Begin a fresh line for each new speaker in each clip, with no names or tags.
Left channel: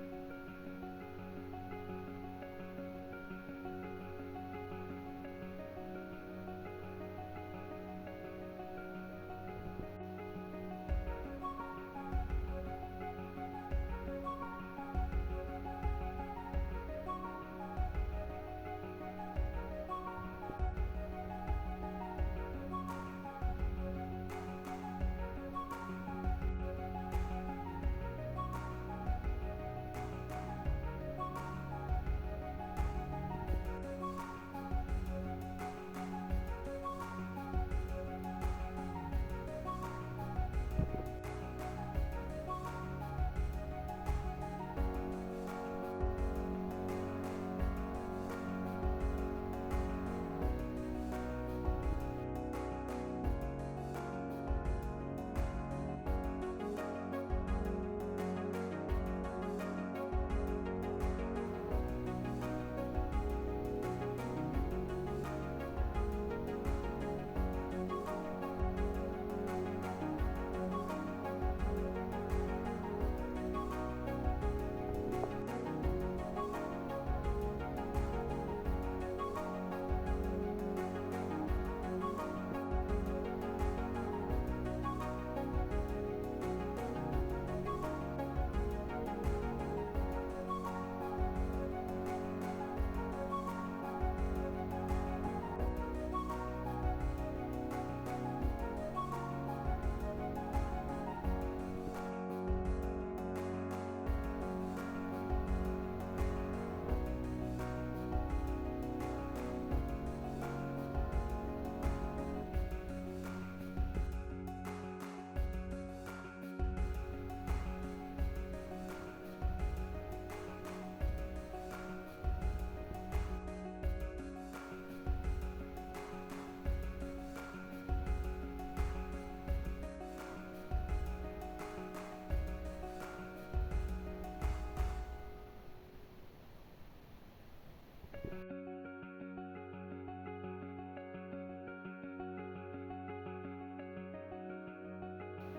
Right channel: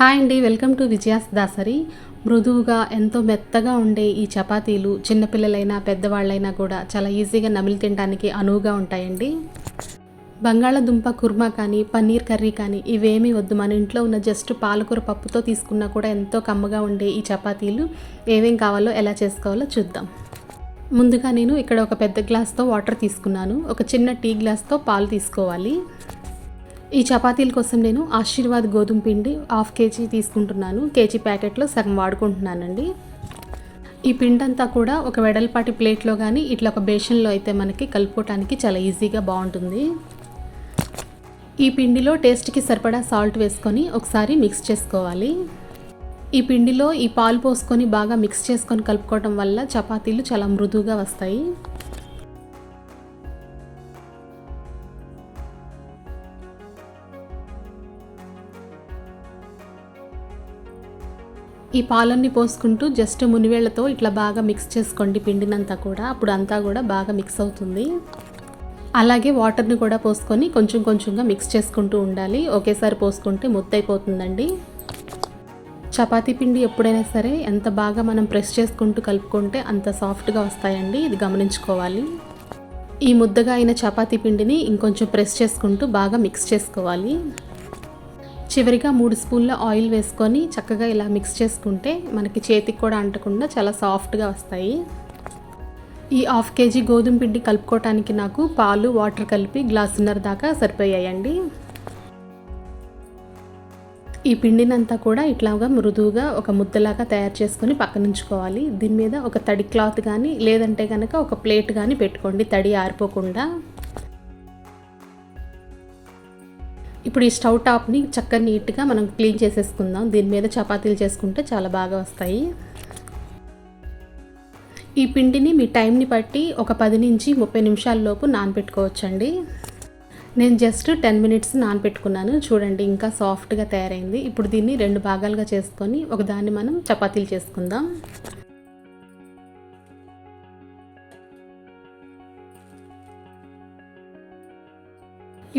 Hi అండి welcome to Vijaya's Dasari. మృదువుగా ఎంతో మెత్తగా ఉండే ఈ చపాతీలు చిన్నపిల్లలైనా పెద్దవాళ్ళైనా కూడా చాలా ఈజీగా నమిలి తినడానికి అనువుగా ఉంటాయండి. బంగాళదుంప కుర్మా కానీ పన్నీర్ కర్రీ కానీ ఇవేమీ వద్దు. మన ఇంట్లో ఉన్న జస్ట్ పాలకూర పప్పుతో తీసుకున్నా కూడా ఎంతో కమ్మగా ఉండే ఈ చపాతీలు ఏమేం కావాలో ఎలా చేసుకోవాలో చూద్దాం. ముందుగా నేను ఇక్కడ ఒక పెద్ద గ్లాస్తో వాటర్ తీసుకున్నాను. ఒక చిన్న టీ గ్లాస్తో పాలు తీసుకోవాలి. ఈ చపాతీల కోసం నేను ఆశీర్వాద్ గోధుమ పిండి హాఫ్ కేజీ తీసుకుంటున్నాను. కేజీ ప్యాకెట్లో సగం వాడుకుంటున్నానండి. ఈ పిండి అంతా కూడా ఒక వెడల్పాటి ప్లేట్లో కానీ ఇట్లా ఒక బేషన్లో అయితే మనకి కలుపుకోవటానికి చాలా ఈజీగా బాగుంటుంది. ఈ పిండిలో టేస్ట్కి సరిపడా సాల్ట్ వేసుకొని ఒకసారి మిక్స్ చేసుకోవాలి. ఈ పిండిలో ఈ పాలు పోసుకొని బాగా మిక్స్ చేసుకొని కలుపుకోవడం వల్ల చపాతీలు చాలా మృదువుగా వస్తాయి. ఈ పాలన్నీ పోసుకుంటూ జస్ట్ మునివేళ్ళతో ఇట్లా బాగా మిక్స్ చేసుకోండి పిండినంతా కూడా. అప్పుడు అంతా కూడా బాగా మిక్స్ అవుతుంది. అలాగే వాటర్ని కూడా పోసుకొని కొంచెం కొంచెంగా మిక్స్ చేసుకుంటూ ఉండాలి. ఒకేసారి పోసుకుంటే ముద్దైపోతుందండి చపాతీ పిండి ఎప్పుడైనా సరే ఎంత బాగా మనం ప్రెస్ చేసుకుంటూ కలుపుకుంటే అంత సాఫ్ట్గా వస్తాయండి. ఇది గమనించుకోవాలి. ఈ ముద్దగా అయిన చపాతీ పిండిని ఇంకొంచెం ప్రెస్ చేసుకుంటూ బాగా మిక్స్ చేసుకోవాలి. చివరిగా మూడు స్పూన్ల ఆయిల్ వేసుకొని చక్కగా ఇలా మిక్స్ చేసుకుంటే మనకి చేతికి కూడా అంటకుండా చాలా సాఫ్ట్గా వస్తాయి. ఈ హాఫ్ కేజీ గోధుమ పిండి కలుపుకోవటానికి నాకు పాలు వాటర్ కలిపి గ్లాసున్నర దాకా సరిపోయాయండి. ఈ పిండినంతా కూడా ఇట్లాగా మృదువుగా ఒక ముద్దలాగా తయారు చేసుకొని పక్కనుంచుకోవాలి దీని మీద ఒక తడి క్లాత్ కానీ లేదంటే కనుక ఒక ప్లేట్ కానీ పెట్టుకోండి తడి ఆరిపోకుండా. ఇప్పుడు ఈ స్టవ్ టాప్ని చక్కగా నీట్గా మనం క్లీన్ చేసేసుకుందాం. దీని మీద చపాతీలు చేసుకుంటే చాలా బాగా వస్తాయి. ఈ పిండిని మీ టైంని బట్టి ఒక పది నుంచి ముప్పై నిమిషాల లోపు నానబెట్టుకోవచ్చండి. నేను జస్ట్ టెన్ మినిట్స్ నానబెట్టుకున్నాను. చూడండి ఇంకా సాఫ్ట్గా తయారైంది. ఇప్పుడు దీన్ని రెండు భాగాలుగా చేసుకొని ఒకదాన్ని మనం చపాతీలు చేసుకుందాం.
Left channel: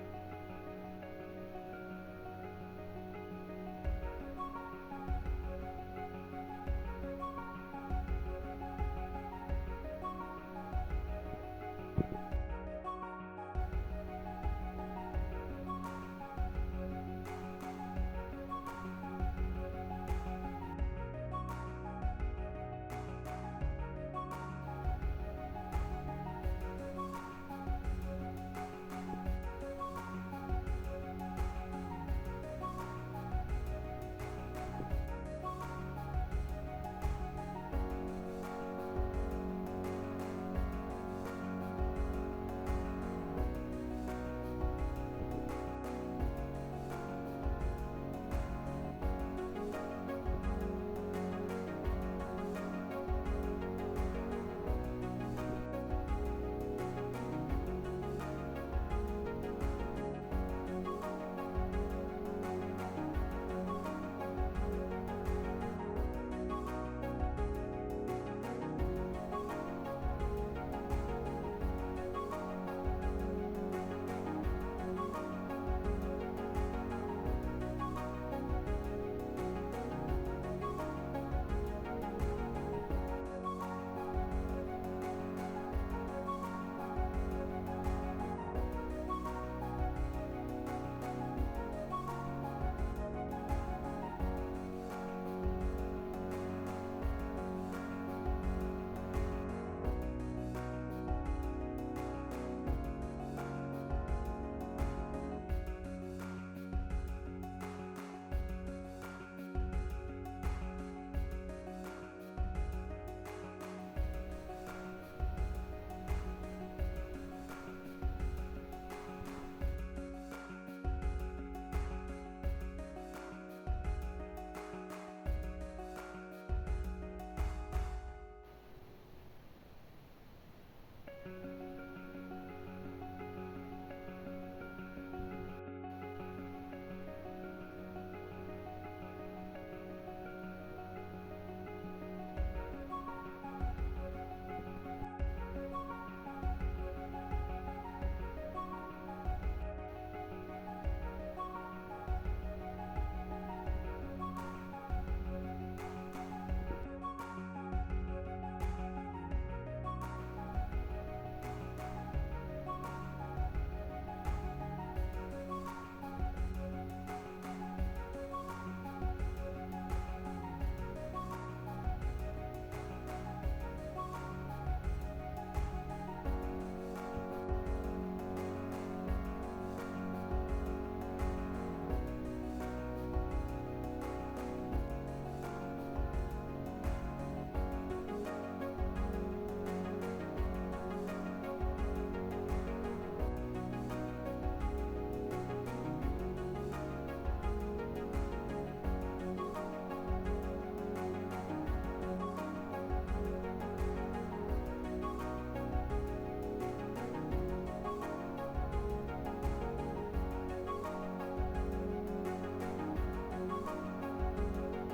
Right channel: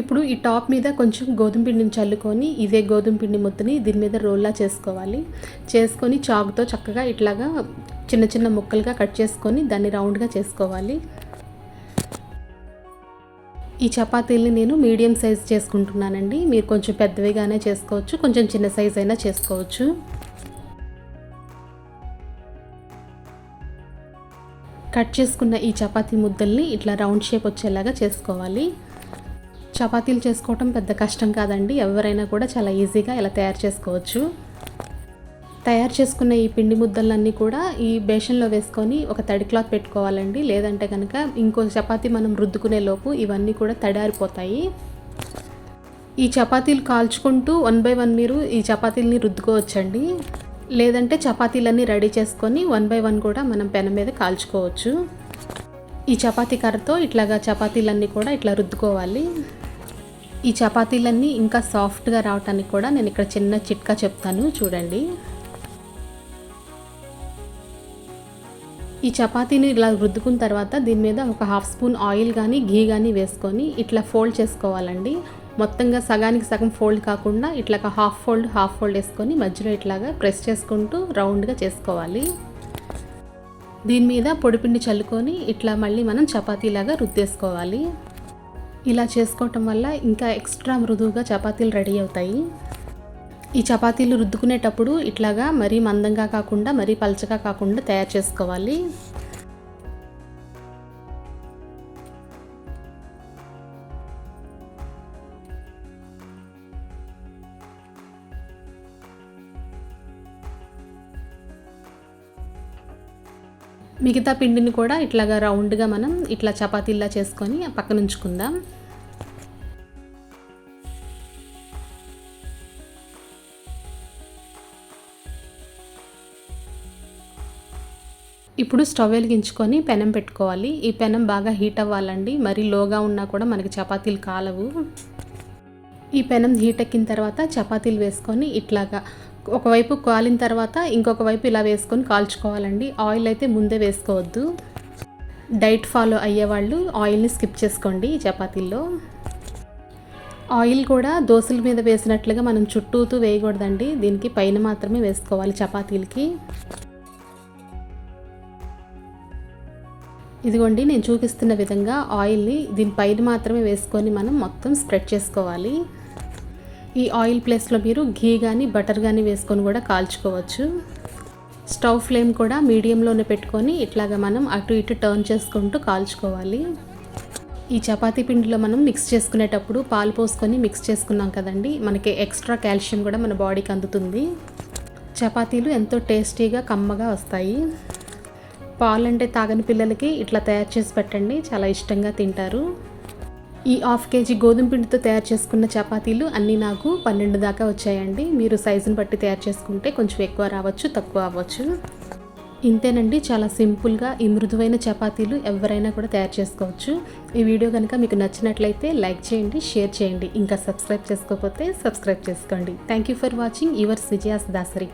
ఇప్పుడు ఈ టాప్ మీద కొంచెం గోధుమ పిండిని చల్లుకొని ఇదే గోధుమ పిండి ముద్దని దీని మీద రోల్లా చేసుకోవాలి. చేసుకొని చాకుతో చక్కగా ఇట్లాగా చిన్న చిన్న ముక్కలుగా కట్ చేసుకొని దాన్ని రౌండ్గా చేసుకోవాలి. ఈ చపాతీల్ని నేను మీడియం సైజ్ చేసుకుంటున్నానండి. మీరు కొంచెం పెద్దవిగానే చేసుకోవచ్చు కొంచెం చిన్న సైజ్ అయినా చేసుకోవచ్చు. కట్ చేసుకున్న ఈ చపాతీ ముద్దల్ని ఇట్లా రౌండ్ షేప్ వచ్చేలాగా చేసుకోవాలి. చపాతీలు చేసుకోవటం పెద్ద కష్టం కాదండి. ఎవరైనా కూడా చాలా ఈజీగా ఇలా తయారు చేసుకోవచ్చు. తయారు చేసుకున్న ఈ పిండి ముద్దలన్నీ కూడా ఈ బేషన్లో వేసుకొని ఒక తడి క్లాత్ పెట్టుకోవాలండి. లేదంటే కనుక ఇంకో చపాతీ మనం రుద్దుకునే లోపు ఇవన్నీ కూడా తడారిపోతాయి. ఈ చపాతీలు కాల్చుకుంటూ వన్ బై వన్ మీరు ఈ చపాతీలని రుద్దుకోవచ్చండి. లేదంటే చపాతీలన్నీ రెడీ చేసుకొని వన్ బై వన్ కూడా మనం పెన మీద కాల్చుకోవచ్చు. ఈ చపాతీ కర్రతో ఇట్లాగా చపాతీలన్నీ కూడా ఇట్లా రుద్దుకోవాలి. ఈ చపాతీలన్నీ ఇంకా సాఫ్ట్గా రావటానికి కూడా నేను ఇక్కడ చిన్న చిట్కా చెప్తాను చూడండి. ఈ చపాతీని ఇలా రుద్దుకున్న తర్వాత దీని మీద ఒక హాఫ్ స్పూన్ ఆయిల్ కానీ ఘీ కానీ వేసుకొని ఇట్లా ఫోల్డ్ చేసుకోవాలండి. మొత్తంగా సగానికి సగం ఫోల్డ్ కాకుండా ఇట్లా హాఫ్ ఫోల్డ్ హాఫ్ ఫోల్డ్ వేసుకొని మధ్యలో ఇట్లాగా ప్రెస్ చేసుకుంటూ రౌండ్గా చేసుకోవాలి. దీని మీద పొడిపిండి చల్లుకొని ఇట్లా మళ్ళీ మనం చపాతీలాగా రుద్దేసుకోవాలి. ఇలా చేసుకోవటం వల్ల ఇంకా ఎక్స్ట్రా మృదువుగా చపాతీలు రెడీ అవుతాయి. ఈ చపాతీలు రుద్దుకునేటప్పుడు ఇట్లాగా మరీ మందంగా కాకుండా మరీ పలచగా కాకుండా తయారు చేసుకోవాలి. మిగతా పిండిని కూడా ఇట్లాగా రౌండ్గా మనం ఇట్లా చపాతీలా చేసుకొని పక్కన ఉంచుకుందాం ఇప్పుడు స్టవ్ వెలిగించుకొని పెనం పెట్టుకోవాలి. ఈ పెనం బాగా హీట్ అవ్వాలండి. మరీ లోగా ఉన్నా కూడా మనకి చపాతీలు కాలవు. ఈ పెనం హీట్ ఎక్కిన తర్వాత చపాతీలు వేసుకొని ఇట్లాగా ఒకవైపు కాలిన తర్వాత ఇంకొక వైపు ఇలా వేసుకొని కాల్చుకోవాలండి. ఆయిల్ అయితే ముందే వేసుకోవద్దు. డైట్ ఫాలో అయ్యేవాళ్ళు ఆయిల్ని స్కిప్ చేసుకోండి ఈ చపాతీల్లో. ఆయిల్ కూడా దోశల మీద వేసినట్లుగా మనం చుట్టూతూ వేయకూడదండి. దీనికి పైన మాత్రమే వేసుకోవాలి చపాతీలకి. ఇదిగోండి నేను చూపిస్తున్న విధంగా ఆయిల్ని దీని పైన మాత్రమే వేసుకొని మనం మొత్తం స్ప్రెడ్ చేసుకోవాలి. ఈ ఆయిల్ ప్లేస్లో మీరు ఘీ కానీ బటర్ కానీ వేసుకొని కూడా కాల్చుకోవచ్చు. స్టవ్ ఫ్లేమ్ కూడా మీడియంలోనే పెట్టుకొని ఇట్లాగా మనం అటు ఇటు టర్న్ చేసుకుంటూ కాల్చుకోవాలి. ఈ చపాతీ పిండిలో మనం మిక్స్ చేసుకునేటప్పుడు పాలు పోసుకొని మిక్స్ చేసుకున్నాం కదండి మనకి ఎక్స్ట్రా కాల్షియం కూడా మన బాడీకి అందుతుంది. చపాతీలు ఎంతో టేస్టీగా కమ్మగా వస్తాయి. పాలు అంటే తాగని పిల్లలకి ఇట్లా తయారు చేసి పెట్టండి చాలా ఇష్టంగా తింటారు. ఈ హాఫ్ కేజీ గోధుమ పిండితో తయారు చేసుకున్న చపాతీలు అన్నీ నాకు పన్నెండు దాకా వచ్చాయండి. మీరు సైజుని బట్టి తయారు చేసుకుంటే కొంచెం ఎక్కువ రావచ్చు తక్కువ అవ్వచ్చు. ఇంతేనండి. చాలా సింపుల్గా ఈ మృదువైన చపాతీలు ఎవరైనా కూడా తయారు చేసుకోవచ్చు. ఈ వీడియో కనుక మీకు నచ్చినట్లయితే లైక్ చేయండి షేర్ చేయండి. ఇంకా సబ్స్క్రైబ్ చేసుకోకపోతే సబ్స్క్రైబ్ చేసుకోండి. Thank you for watching yours Vijaya's Dasari